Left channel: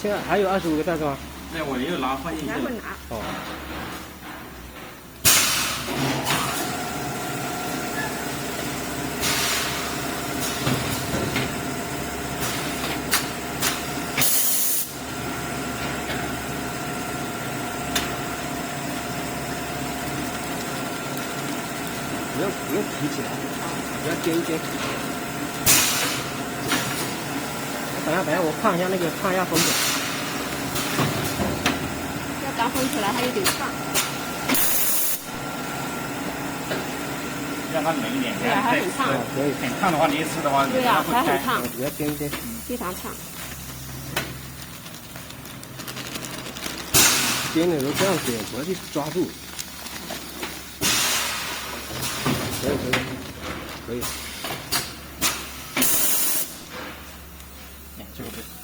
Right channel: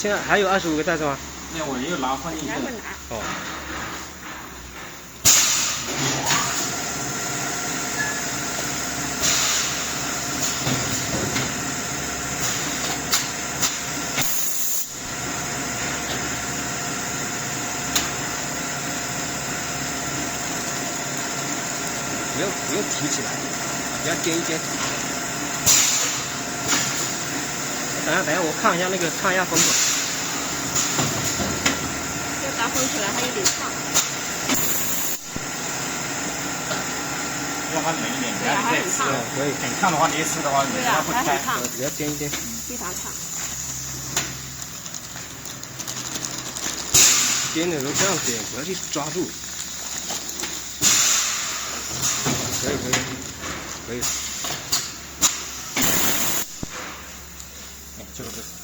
现在还有25个袋子吗？没有，我又拿放进去了。哦。不用提起来，不要颠一颠。等一下，我看一下看一下风口。要打风出来还有点烫。让它冷一点，对啊，还很烫。可以。很烫的话，你一吃的话，你它会开。不要颠一颠。非常烫。颠的时候这样颠，不要去抓住。可以。就是。